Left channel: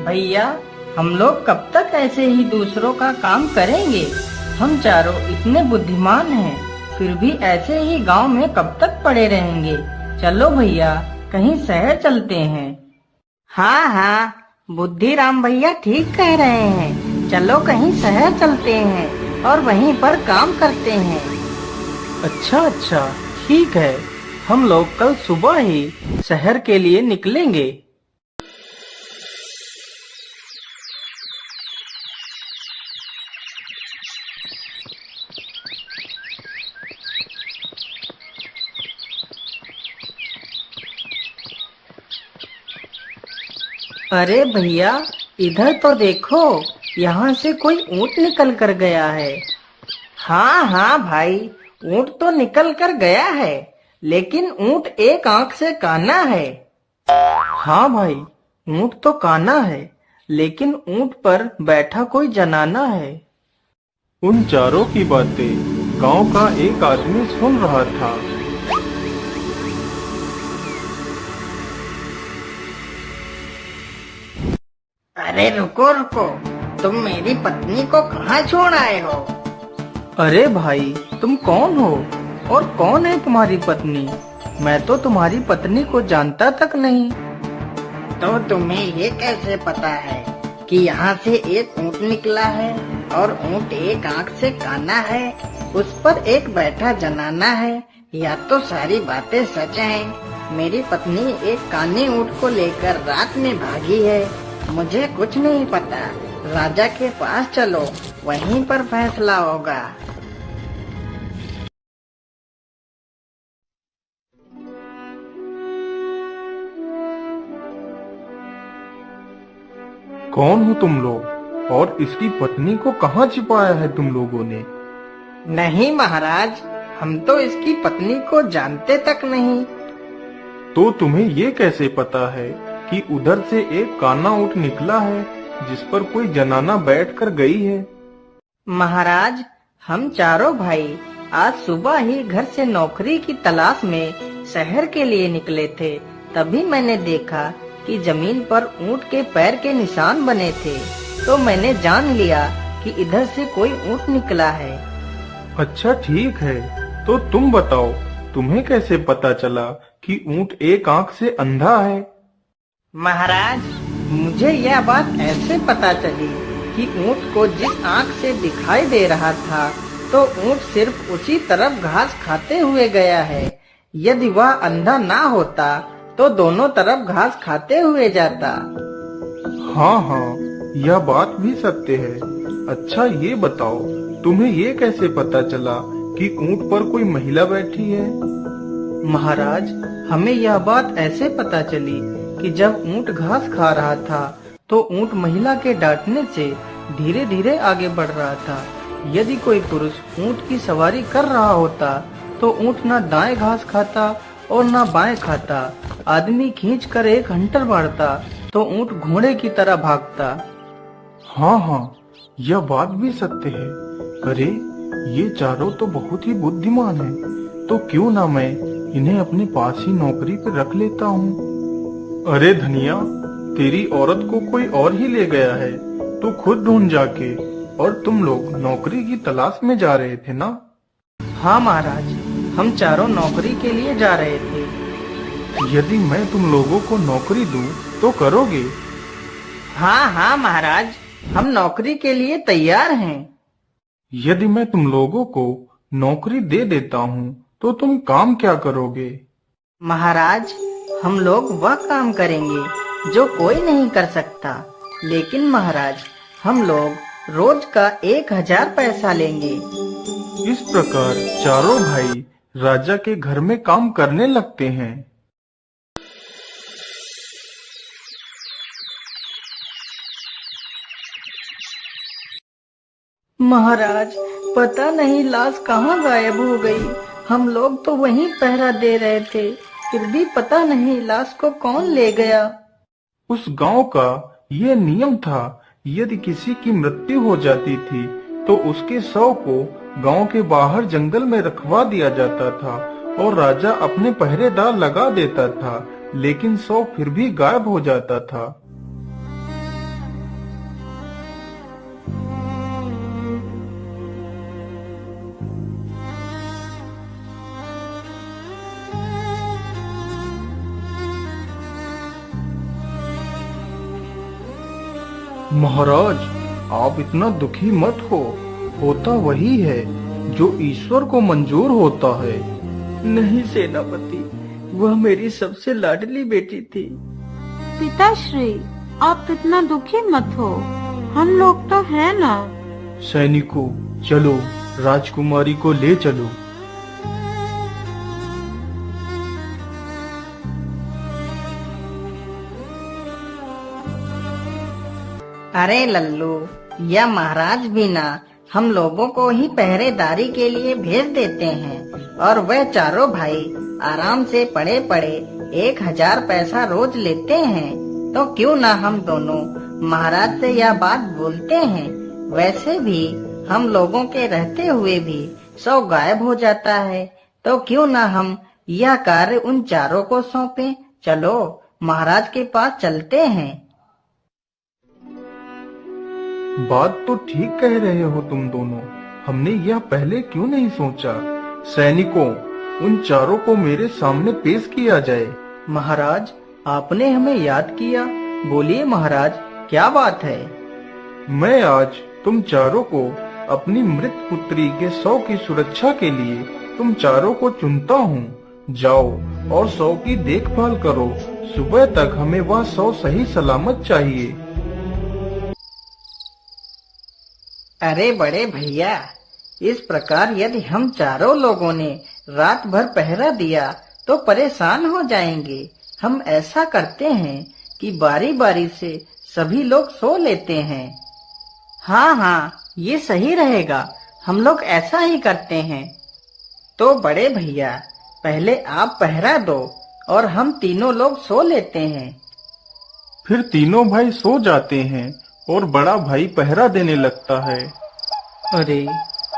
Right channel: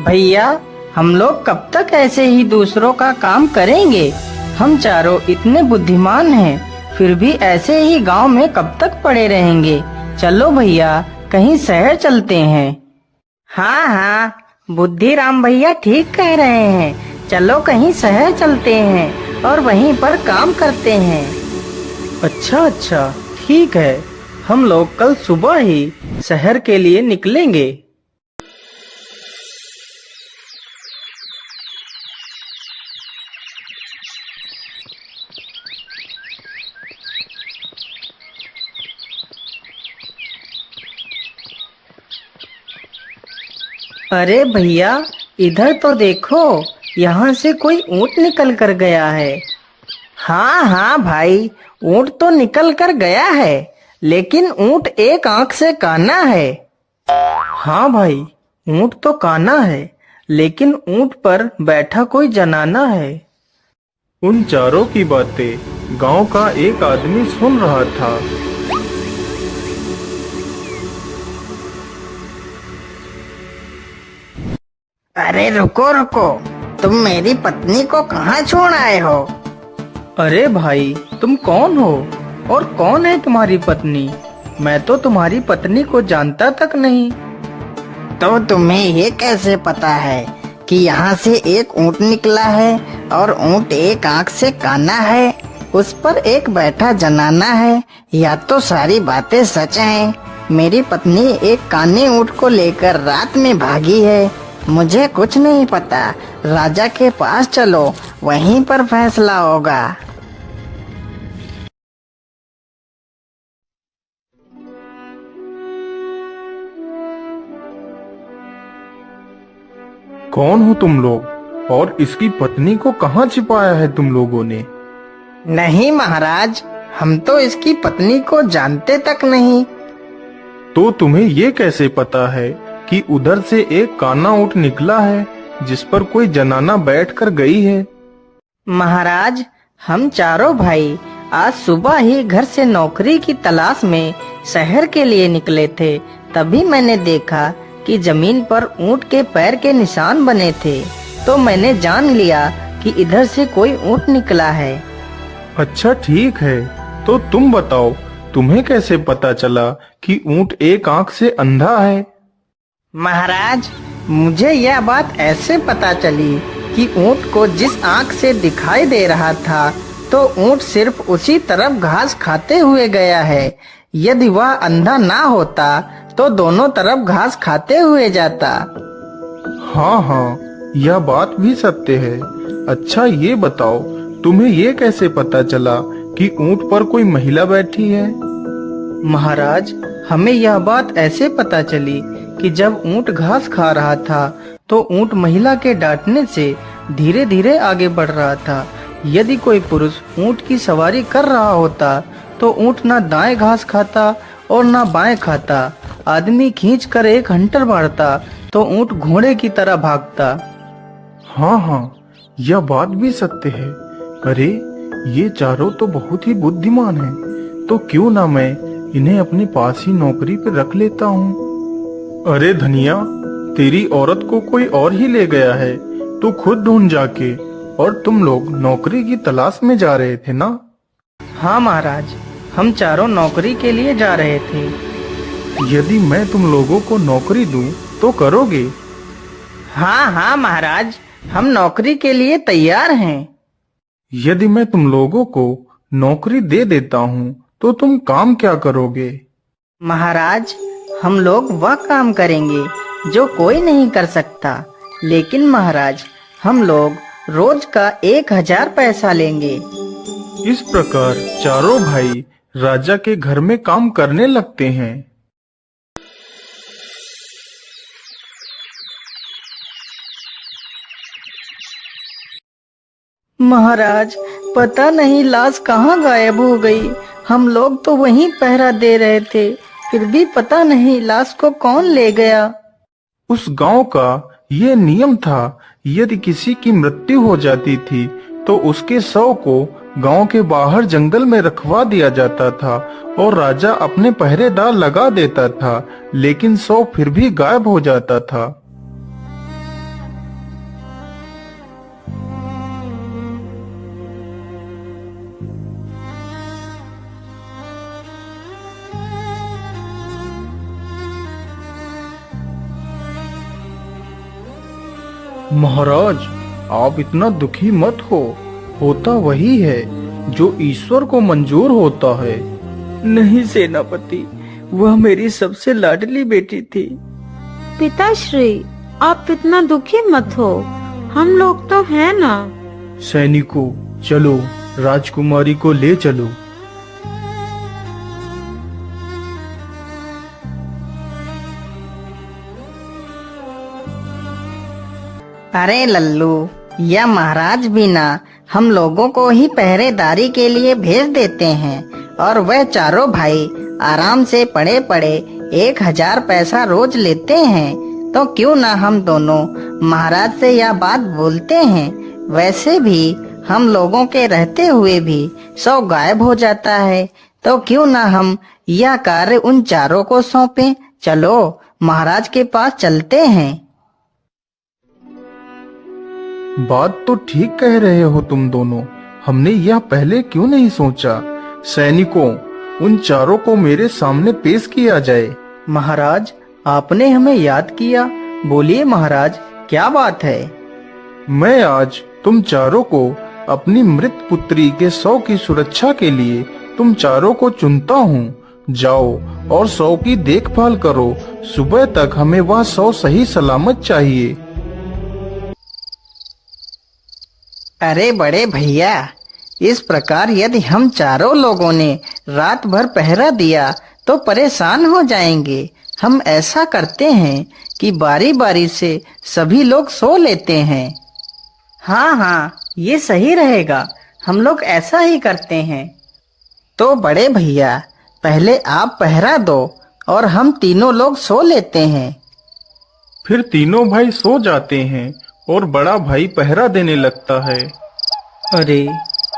भैया, हम लोग कब तक ऐसे ही दूसरों का काम करेंगे? हम चारों इतने बुद्धिमान हैं, फिर भी ऐसे ही गांव में कब तक पड़े रहेंगे? चलो भैया, कहीं शहर चलते हैं। हाँ हाँ, बुद्धिराम भैया ठीक कह रहे हैं। चलो कहीं शहर चलते हैं और वहीं पर काम करते हैं। अच्छा अच्छा, ठीक है। हम लोग कल सुबह ही शहर के लिए निकलेंगे। अरे भैया, इधर तो देखो, यहाँ से कोई ऊँट निकल कर गया है। हाँ हाँ भाई, ऊँट तो निकल कर गया है, लेकिन ऊँट एक आंख से काना है। हाँ भाई, ऊँट तो काना है, लेकिन ऊँट पर बैठा कोई जनाना है। उन चारों की बातें गांव का एक आदमी सुन रहा था। अरे रुको रुको, तुम मेरी पत्नी को कहाँ छोड़ आए हो? अरे भाई, तुम कौन हो और कौन है तुम्हारी पत्नी? मैं तो तुम्हारी पत्नी को जानता तक नहीं। तो तुम्हें ये कैसे पता है कि यहाँ से एक ऊँट निकला है और ऊँट एक आँख से काना है, उस पर एक बैठा जनाना है? या तो सारी बातें सच हैं। मेरी पत्नी एक काने ऊँट को लेकर रात में भागी है। मुझे कुछ नहीं पता। राजा के पास चलो, वहीं पर फैसला होगा। कौन हो तुम लोग और इसकी पत्नी को कहाँ छिपाया है तुम लोगों ने? नहीं महाराज, हम तो इसकी पत्नी को जानते तक नहीं। तो तुम्हें ये कैसे पता है कि उधर से एक काना ऊँट निकला है जिस पर कोई जनाना बैठ कर गई है? महाराज, हम चारों भाई आज सुबह ही घर से नौकरी की तलाश में शहर के लिए निकले थे। तभी मैंने देखा कि जमीन पर ऊँट के पैर के निशान बने थे, तो मैंने जान लिया कि इधर से कोई ऊँट निकला है। अच्छा ठीक है, तो तुम बताओ, तुम्हें कैसे पता चला कि ऊँट एक आंख से अंधा है? महाराज, मुझे यह बात ऐसे पता चली कि ऊँट को जिस आँख से दिखाई दे रहा था, तो ऊँट सिर्फ उसी तरफ घास खाते हुए गया है। यदि वह अंधा ना होता तो दोनों तरफ घास खाते हुए जाता। हाँ हाँ, यह बात भी सत्य है। अच्छा ये बताओ, तुम्हें ये कैसे पता चला कि ऊँट पर कोई महिला बैठी है? महाराज, हमें यह बात ऐसे पता चली कि जब ऊँट घास खा रहा था तो ऊँट महिला के डांटने से धीरे धीरे आगे बढ़ रहा था। यदि कोई पुरुष ऊँट की सवारी कर रहा होता तो ऊँट न दाएं घास खाता और न बाएं खाता। आदमी खींच कर एक हंटर मारता तो ऊँट घोड़े की तरह भागता। हाँ हाँ, यह बात भी सत्य है। अरे ये चारों तो बहुत ही बुद्धिमान हैं, तो क्यों ना मैं इन्हें अपने पास ही नौकरी पर रख लेता हूँ। अरे धनिया, तेरी औरत को कोई और ही ले गया है, तू खुद ढूंढ जाके। और तुम लोग नौकरी की तलाश में जा रहे थे ना? हाँ महाराज, हम चारों नौकरी के लिए जा रहे थे। यदि मैं तुम लोगों को नौकरी दूं तो करोगे? हाँ हाँ महाराज, हम नौकरी के लिए तैयार हैं। यदि मैं तुम लोगों को नौकरी दे देता हूँ तो तुम काम क्या करोगे? महाराज, हम लोग वह काम करेंगे जो कोई नहीं कर सकता। लेकिन महाराज, हम लोग रोज का 1000 पैसा लेंगे। इस प्रकार चारों भाई राजा के घर में काम करने लगते हैं। महाराज, पता नहीं लाश कहाँ गायब हो गई। हम लोग तो वहीं पहरा दे रहे थे, फिर भी पता नहीं लाश को कौन ले गया। उस गांव का ये नियम था, यदि किसी की मृत्यु हो जाती थी तो उसके शव को गांव के बाहर जंगल में रखवा दिया जाता था और राजा अपने पहरेदार लगा देता था, लेकिन शव फिर भी गायब हो जाता था। महाराज, आप इतना दुखी मत हो। होता वही है जो ईश्वर को मंजूर होता है। नहीं सेनापति, वह मेरी सबसे लाडली बेटी थी। पिताश्री, आप इतना दुखी मत हो, हम लोग तो हैं ना। सैनिकों, चलो राजकुमारी को ले चलो। अरे लल्लू, यह महाराज भी ना हम लोगों को ही पहरेदारी के लिए भेज देते हैं, और वह चारों भाई आराम से पड़े पड़े 1000 पैसा रोज लेते हैं। तो क्यों ना हम दोनों महाराज से यह बात बोलते हैं। वैसे भी हम लोगों के रहते हुए भी 100 गायब हो जाता है, तो क्यों ना हम यह कार्य उन चारों को सौंपें। चलो महाराज के पास चलते हैं। बात तो ठीक कह रहे हो तुम दोनों। हमने यह पहले क्यों नहीं सोचा। सैनिकों, उन चारों को मेरे सामने पेश किया जाए। महाराज, आपने हमें याद किया। बोलिए महाराज, क्या बात है। मैं आज तुम चारों को अपनी मृत पुत्री के 100 की सुरक्षा के लिए तुम चारों को चुनता हूँ। जाओ और 100 की देखभाल करो। सुबह तक हमें वह 100 सही सलामत चाहिए। अरे बड़े भैया, इस प्रकार यदि हम चारों लोगों ने रात भर पहरा दिया तो परेशान हो जाएंगे। हम ऐसा करते हैं कि बारी बारी से सभी लोग सो लेते हैं। हाँ हाँ, ये सही रहेगा। हम लोग ऐसा ही करते हैं। तो बड़े भैया, पहले आप पहरा दो और हम तीनों लोग सो लेते हैं। फिर तीनों भाई सो जाते हैं और बड़ा भाई पहरा देने लगता है। अरे,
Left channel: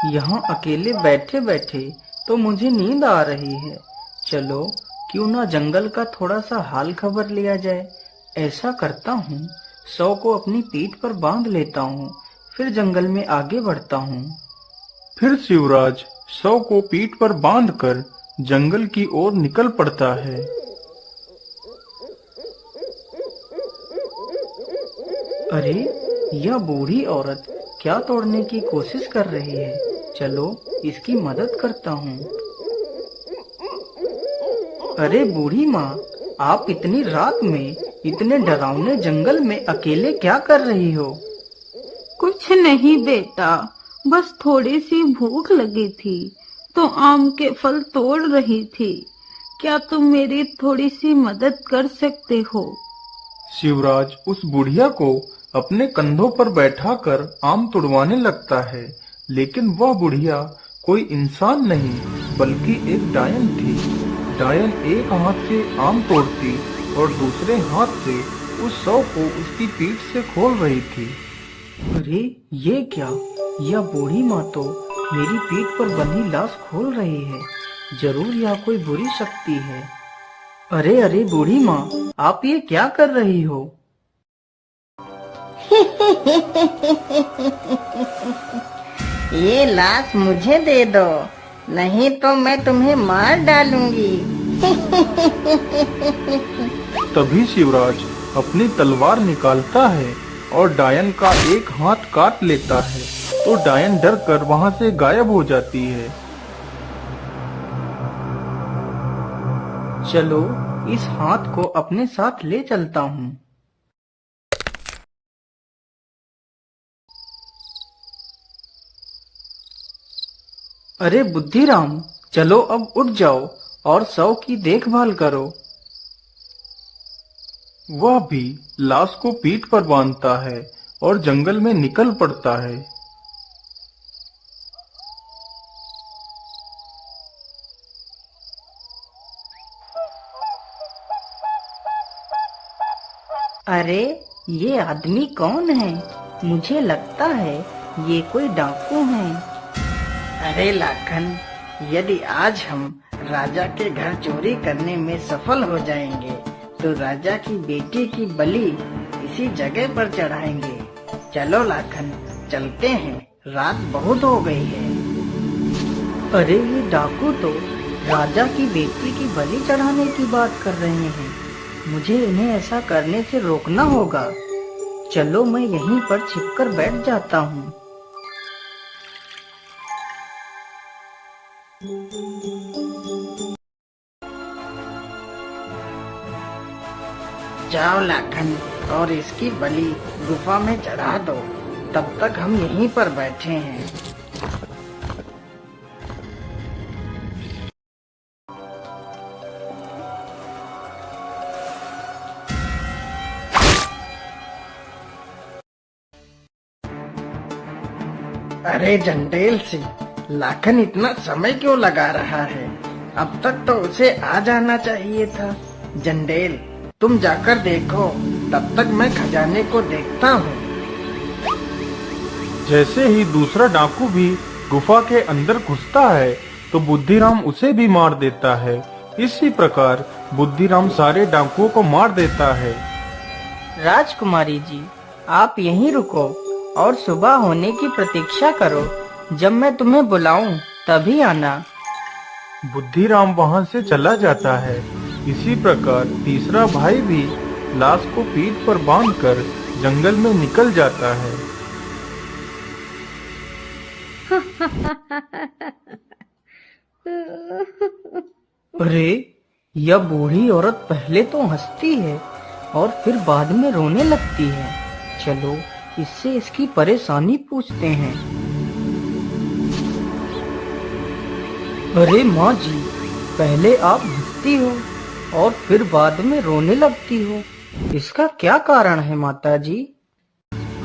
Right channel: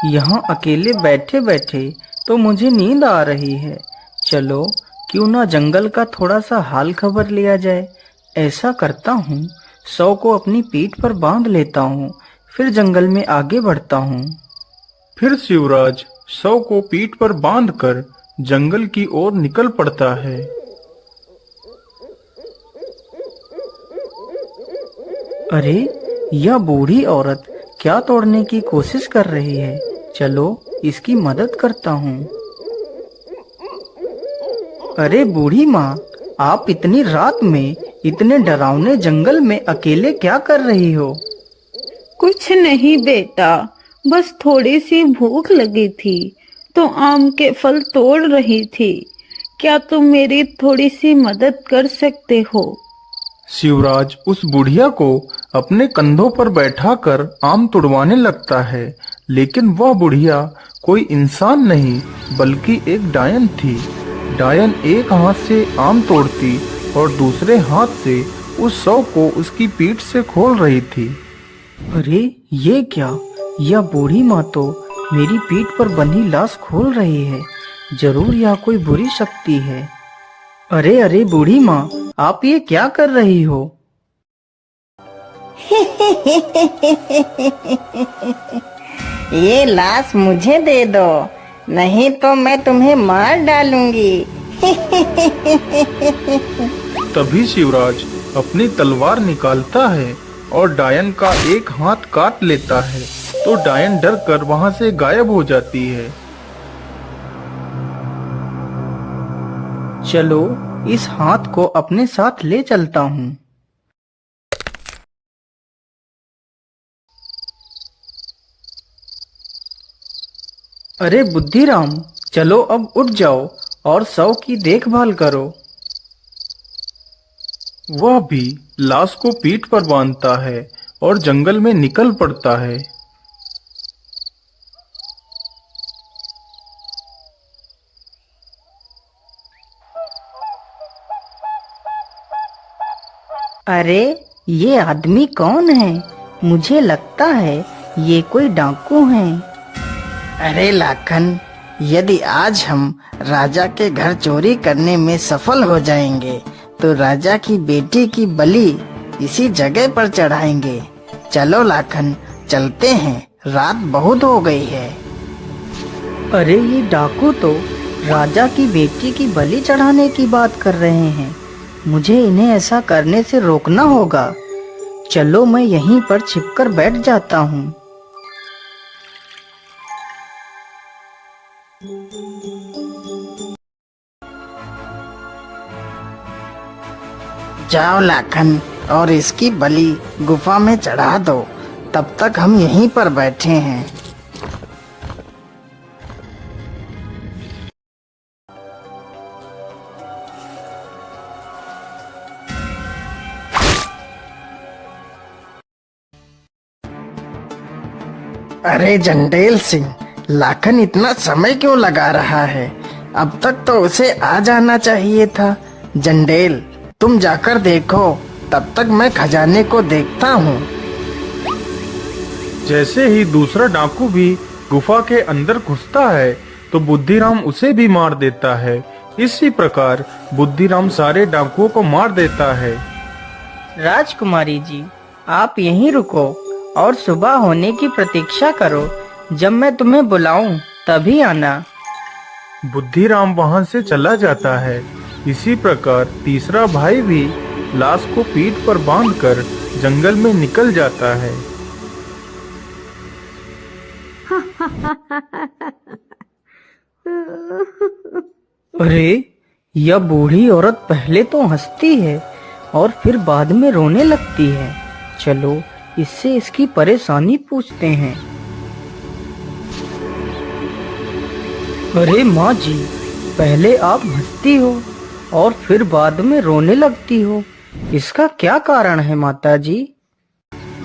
यहाँ अकेले बैठे बैठे तो मुझे नींद आ रही है। चलो क्यों ना जंगल का थोड़ा सा हाल खबर लिया जाए। ऐसा करता हूँ, 100 को अपनी पीठ पर बांध लेता हूँ, फिर जंगल में आगे बढ़ता हूँ। फिर शिवराज 100 को पीठ पर बांधकर जंगल की ओर निकल पड़ता है। अरे, यह बूढ़ी औरत क्या तोड़ने की कोशिश कर रही है। चलो इसकी मदद करता हूँ। अरे बूढ़ी माँ, आप इतनी रात में इतने डरावने जंगल में अकेले क्या कर रही हो। कुछ नहीं बेटा, बस थोड़ी सी भूख लगी थी तो आम के फल तोड़ रही थी। क्या तुम मेरी थोड़ी सी मदद कर सकते हो। शिवराज उस बुढ़िया को अपने कंधों पर बैठाकर आम तुड़वाने लगता है, लेकिन वह बुढ़िया कोई इंसान नहीं बल्कि एक डायन थी। डायन एक हाथ से आम तोड़ती और दूसरे हाथ से उस 100 को उसकी पीठ से खोल रही थी। अरे ये क्या, यह बूढ़ी माँ तो मेरी पीठ पर बंधी लाश खोल रही है। जरूर यह कोई बुरी शक्ति है। अरे अरे बूढ़ी माँ, आप ये क्या कर रही हो। ये लाश मुझे दे दो, नहीं तो मैं तुम्हें मार डालूंगी। तभी शिवराज अपनी तलवार निकालता है और डायन का एक हाथ काट लेता है, तो डायन डर कर वहाँ से गायब हो जाती है। चलो इस हाथ को अपने साथ ले चलता हूँ। अरे बुद्धिराम, चलो अब उठ जाओ और 100 की देखभाल करो। वह भी लाश को पीठ पर बांधता है और जंगल में निकल पड़ता है। अरे ये आदमी कौन है। मुझे लगता है ये कोई डाकू हैं। अरे लाखन, यदि आज हम राजा के घर चोरी करने में सफल हो जाएंगे तो राजा की बेटी की बलि इसी जगह पर चढ़ाएंगे। चलो लाखन, चलते हैं, रात बहुत हो गई है। अरे ये डाकू तो राजा की बेटी की बलि चढ़ाने की बात कर रहे हैं। मुझे इन्हें ऐसा करने से रोकना होगा। चलो मैं यहीं पर छिपकर बैठ जाता हूँ। जाओ लाखन और इसकी बलि गुफा में चढ़ा दो, तब तक हम यहीं पर बैठे हैं। अरे जंडेल सिंह, लाखन इतना समय क्यों लगा रहा है? अब तक तो उसे आ जाना चाहिए था। जंडेल, तुम जाकर देखो, तब तक मैं खजाने को देखता हूँ। जैसे ही दूसरा डाकू भी गुफा के अंदर घुसता है तो बुद्धिराम उसे भी मार देता है। इसी प्रकार बुद्धिराम सारे डाकुओं को मार देता है। राजकुमारी जी, आप यहीं रुको और सुबह होने की प्रतीक्षा करो। जब मैं तुम्हें बुलाऊं तभी आना। बुद्धिराम वहां से चला जाता है। इसी प्रकार तीसरा भाई भी लाश को पीठ पर बांधकर जंगल में निकल जाता है। अरे, यह बूढ़ी औरत पहले तो हंसती है और फिर बाद में रोने लगती है। चलो इससे इसकी परेशानी पूछते हैं। अरे माँ जी, पहले आप हंसती हो और फिर बाद में रोने लगती हो, इसका क्या कारण है माता जी?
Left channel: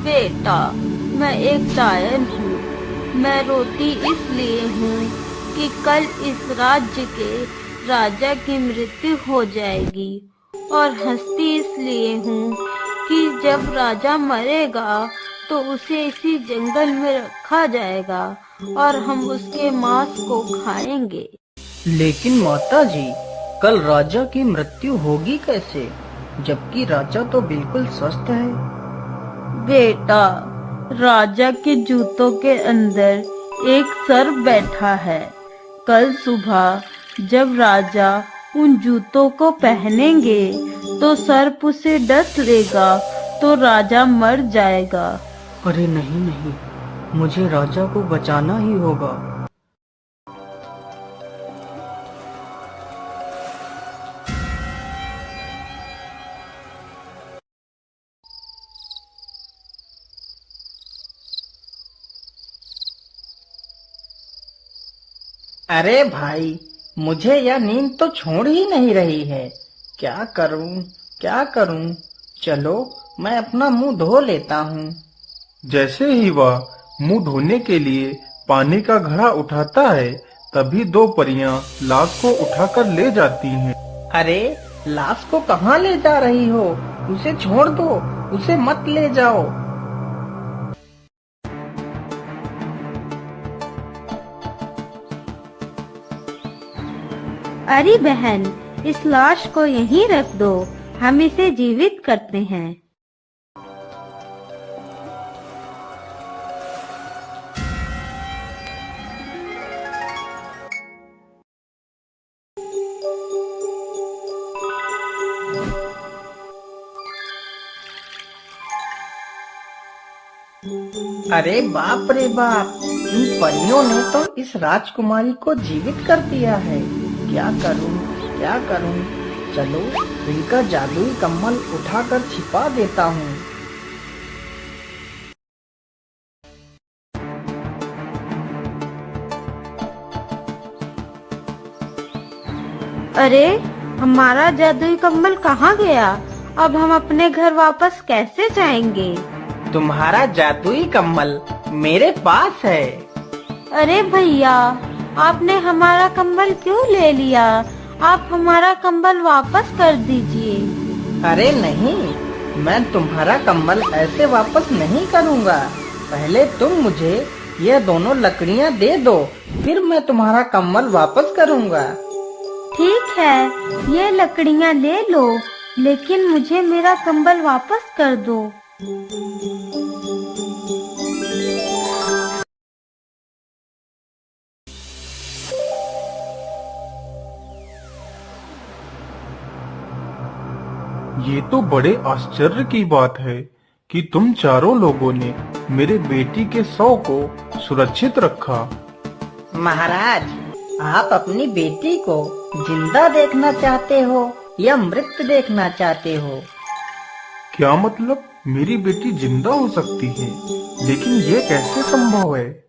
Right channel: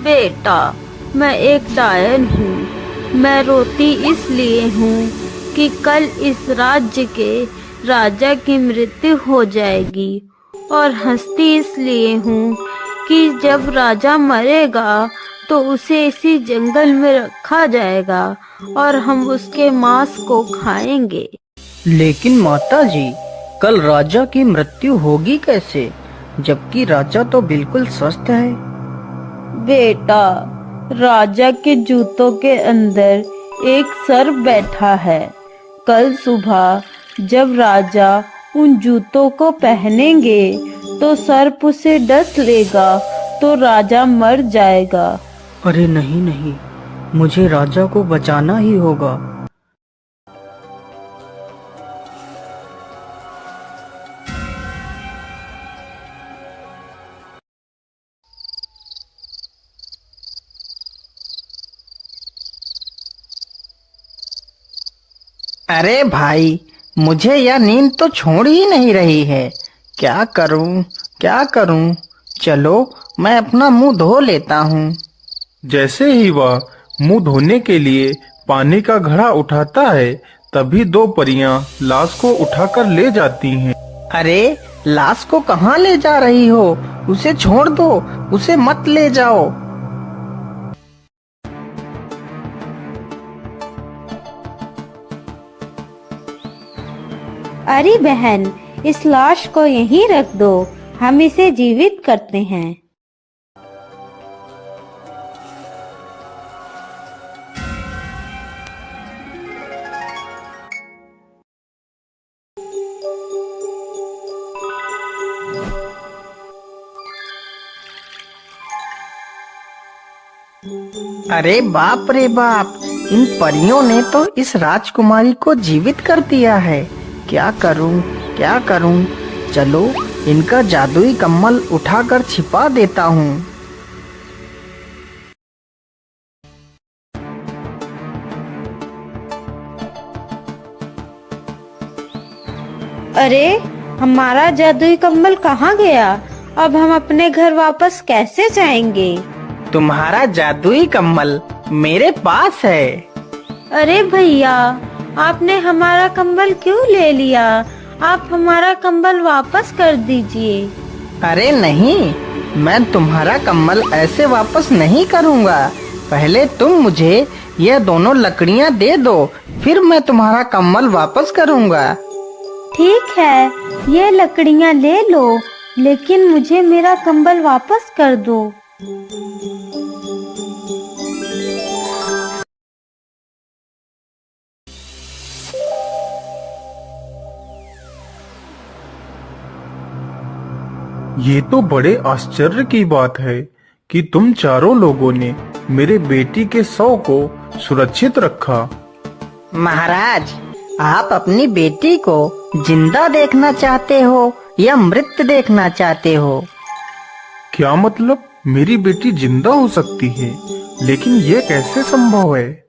बेटा, मैं एक डायन हूँ। मैं रोती इसलिए हूँ कि कल इस राज्य के राजा की मृत्यु हो जाएगी, और हंसती इसलिए हूँ कि जब राजा मरेगा तो उसे इसी जंगल में रखा जाएगा और हम उसके मांस को खाएंगे। लेकिन माता जी, कल राजा की मृत्यु होगी कैसे, जबकि राजा तो बिल्कुल स्वस्थ है? बेटा, राजा के जूतों के अंदर एक सर्प बैठा है। कल सुबह जब राजा उन जूतों को पहनेंगे तो सर्प उसे डस लेगा तो राजा मर जाएगा। अरे नहीं नहीं, मुझे राजा को बचाना ही होगा। अरे भाई, मुझे यह नींद तो छोड़ ही नहीं रही है। क्या करूं, क्या करूं? चलो मैं अपना मुंह धो लेता हूँ। जैसे ही वह मुंह धोने के लिए पानी का घड़ा उठाता है, तभी दो परियां लाश को उठाकर ले जाती हैं। अरे, लाश को कहाँ ले जा रही हो? उसे छोड़ दो, उसे मत ले जाओ। अरे बहन, इस लाश को यहीं रख दो, हम इसे जीवित करते हैं। अरे बाप रे बाप, इन परियों ने तो इस राजकुमारी को जीवित कर दिया है। क्या करूं, क्या करूं? चलो इनका जादुई कम्बल उठाकर छिपा देता हूँ। अरे, हमारा जादुई कम्बल कहाँ गया? अब हम अपने घर वापस कैसे जाएंगे? तुम्हारा जादुई कम्बल मेरे पास है। अरे भैया, आपने हमारा कंबल क्यों ले लिया? आप हमारा कंबल वापस कर दीजिए। अरे नहीं, मैं तुम्हारा कम्बल ऐसे वापस नहीं करूँगा। पहले तुम मुझे ये दोनों लकड़ियाँ दे दो, फिर मैं तुम्हारा कम्बल वापस करूँगा। ठीक है, ये लकड़ियाँ ले लो, लेकिन मुझे मेरा कंबल वापस कर दो। ये तो बड़े आश्चर्य की बात है कि तुम चारों लोगों ने मेरे बेटी के शव को सुरक्षित रखा। महाराज, आप अपनी बेटी को जिंदा देखना चाहते हो या मृत देखना चाहते हो? क्या मतलब? मेरी बेटी जिंदा हो सकती है, लेकिन ये कैसे संभव है?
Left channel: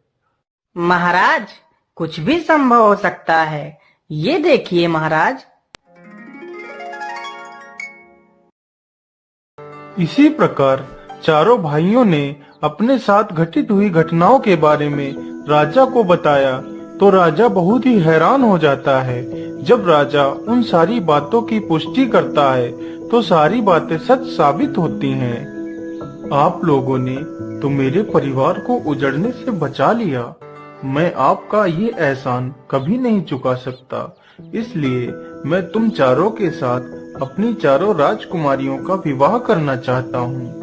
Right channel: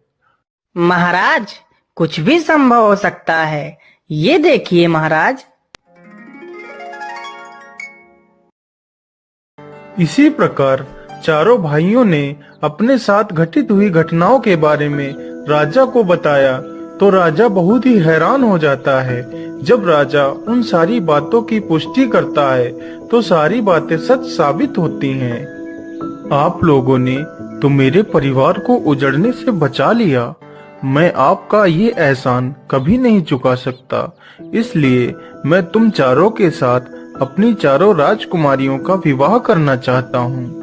महाराज, कुछ भी संभव हो सकता है। ये देखिए महाराज। इसी प्रकार चारों भाइयों ने अपने साथ घटित हुई घटनाओं के बारे में राजा को बताया तो राजा बहुत ही हैरान हो जाता है। जब राजा उन सारी बातों की पुष्टि करता है तो सारी बातें सच साबित होती हैं। आप लोगों ने तो मेरे परिवार को उजड़ने से बचा लिया। मैं आपका ये एहसान कभी नहीं चुका सकता, इसलिए मैं तुम चारों के साथ अपनी चारों राजकुमारियों का विवाह करना चाहता हूँ।